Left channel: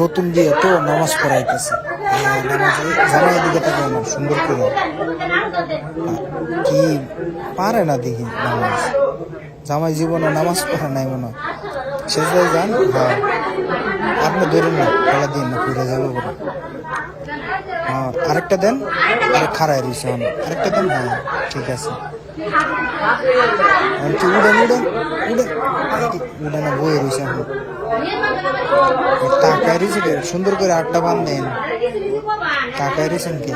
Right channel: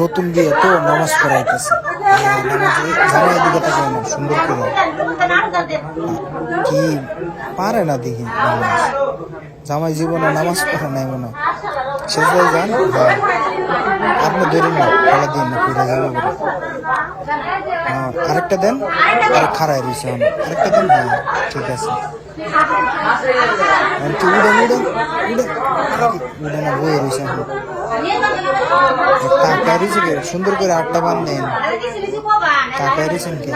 নতুন বিয়ে তো নামাজ পড়াইতেছে। নামাজে জামাই দিকে তাকায় না সুন্দর করে। কি পারে না দেখি নামাজ, জামাই জীবনে নামাজ পড়ে নাই মনে হয়। সেজদায় যান। হ্যাঁ, আপনি ধরেন না, খেলা দিন না, ফিরে যাবো বলে। হ্যাঁ, আরেকটা দেন। আরে খারাই রয়েছে, আরেকটা দেন। হ্যাঁ ঠিক আছে। কি উড়েন উড়েন উড়েন উড়ে না, বয়ে রয়েছে এখন। টাকায় রয়েছে কে সুন্দর করে আটটা বান দেন। টাকায় রয়েছেন কে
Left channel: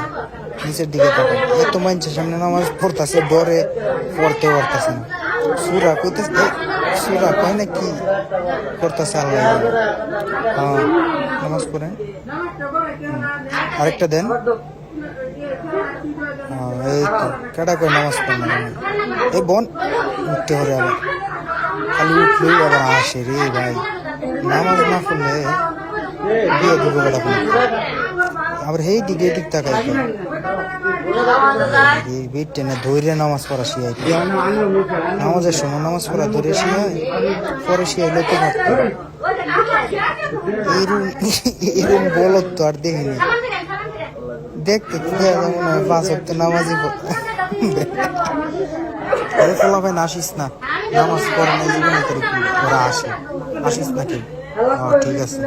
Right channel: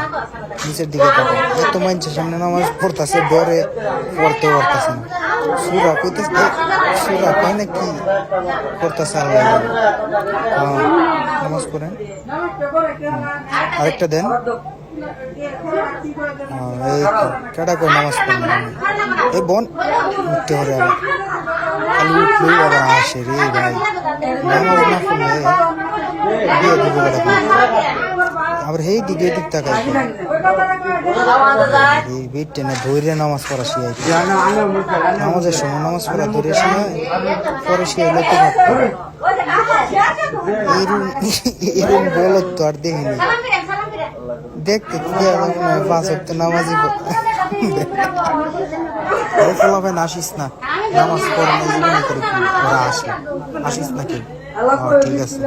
নিচের দিকে তাকান। এত মানুষের সামনে নামাজ পড়তেছে, ডরে পড়তে পারতেছে না। সুরা কইতেছে, সুরা কয় না কি করতেছে আল্লাহ। হ্যাঁ নামাজ পড়েন। আরেকটা দেন। এই তো কেডা কই নামাজ পড়েন। এই বোন উঠতে হবে আবার, খালি উঠলেই আবার আসে রে ভাই। নামাজ না পড়লে বিয়ে দিব কেডা কোন। আবার এই দিকে এদিক তাকাই বেট টেনে ধৈর্য নামাজ পড়া শিয়াই। নামাজের সময় নামাজ পড়া ধরে শিয়াই, পরে শিয়াইলে তো পারতো। এরম বলত তো আর দেখিনি। দেখতে তো দেওয়া যাবো না, 5 ওয়াক্ত নামাজই ফলাফাই না। আসিস না, নামাজ পড়ে না জীবনে করে কি ওরা আসে। আসিস নাকি? ঠিক আছে।